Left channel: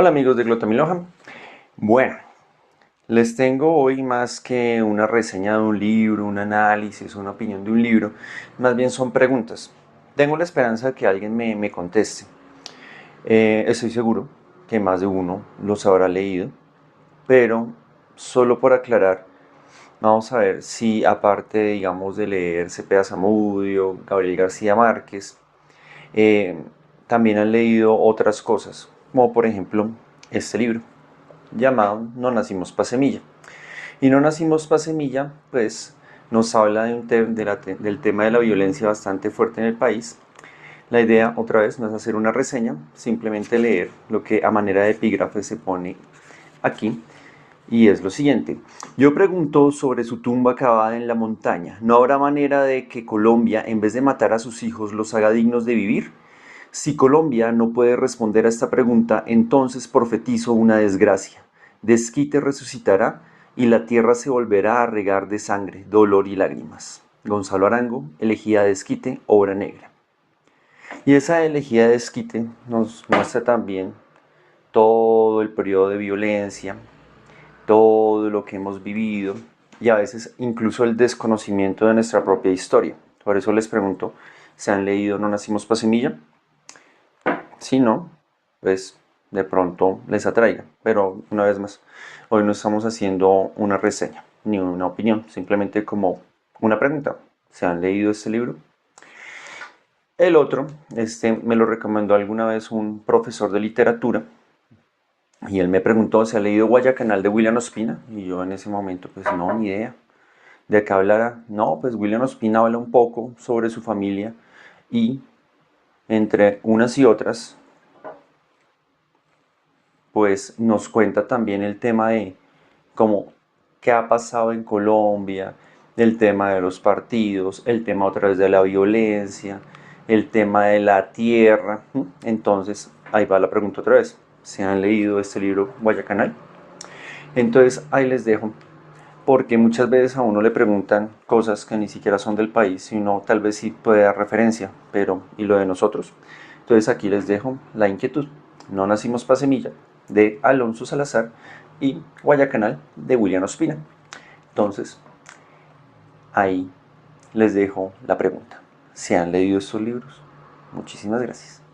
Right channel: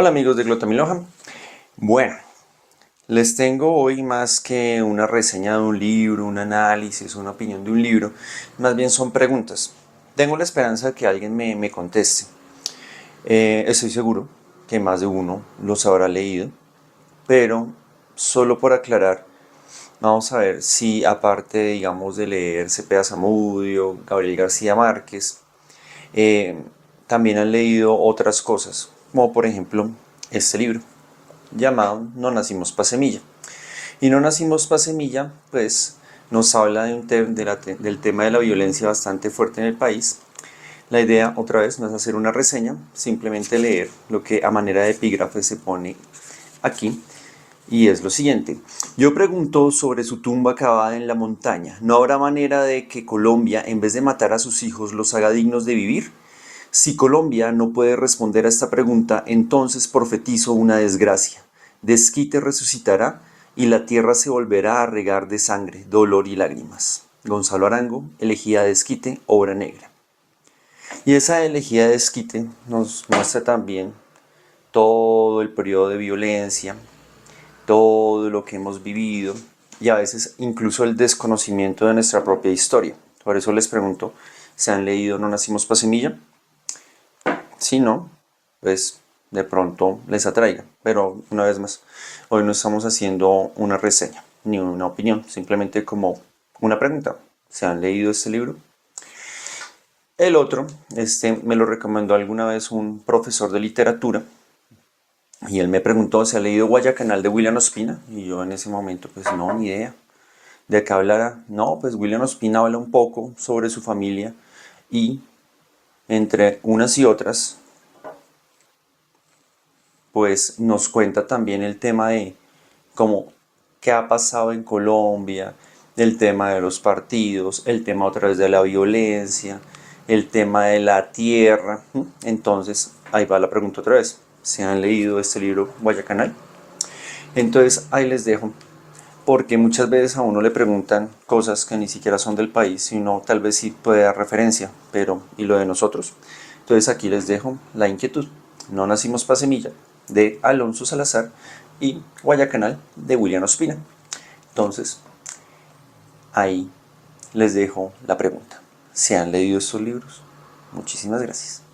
Hola amigos de Glotamiloja. Bueno, les tengo hoy más que una reseña de un libro, un análisis, una opinión de un libro, más bien son preguntas. Tengo la esperanza de que alguien me conteste. Estoy seguro que más de uno los habrá leído, pero solo por aclarar, vamos a ver si aparte, digamos, de leer Cepeda Zamudio, Gabriel García Márquez, eh, también han leído otras cosas, como por ejemplo este libro llamado No nacimos pa' semilla. Y No nacimos pa' semilla, pues nos habla del tema de la violencia bastante fuerte en el país. La idea, otra vez, no es hacer una reseña, simplemente leer lo que a manera de epígrafe se pone aquí. Y es lo siguiente. Yo pregunto sobre su tumba cavada en la montaña. ¿No habrá manera de que Colombia, en vez de matar a sus hijos, los haga dignos de vivir? Si Colombia no puede responder a esta pregunta, entonces profetizo una desgracia. Desquite resucitará y la tierra se volverá a regar de sangre, dolor y lágrimas. Gonzalo Arango, Elegía de Desquite, obra negra. Y esa elegía de Desquite nos muestra también todo el periodo de violencia, todo lo que hemos vivido y a veces incluso el desconocimiento de nuestra propia historia. Por eso les pregunto, ¿se han leído No nacimos pa' semilla? Si no, pues de pronto les atraiga. Pero una vez más, hoy no estamos haciendo una reseña ni una opinión, simplemente como una pregunta. ¿Se han leído este libro? El otro, me lo recomendó alguna vez un profesor de literatura y él me preguntó, ¿se ha leído Guayacanal de William Ospina? Y yo en ese momento, pues no, ni idea. ¿De qué hablará? No, pues William Ospina habla un poco sobre su familia y entre unas y otras pues nos cuenta también el tema de cómo qué ha pasado en Colombia, el tema de los partidos, el tema otra vez de la violencia, el tema de la tierra. Entonces, ahí va la pregunta otra vez. ¿Se han leído este libro Guayacanal? Entonces, ahí les dejo. Porque muchas veces a uno le preguntan cosas que ni siquiera son del país, sino tal vez sí puede dar referencia, pero ¿y lo de nosotros? Entonces aquí les dejo la inquietud. No nacimos pa' semilla, de Alonso Salazar, y Guayacanal, de William Ospina. Entonces, ahí les dejo la pregunta. ¿Se han leído estos libros? Muchísimas gracias.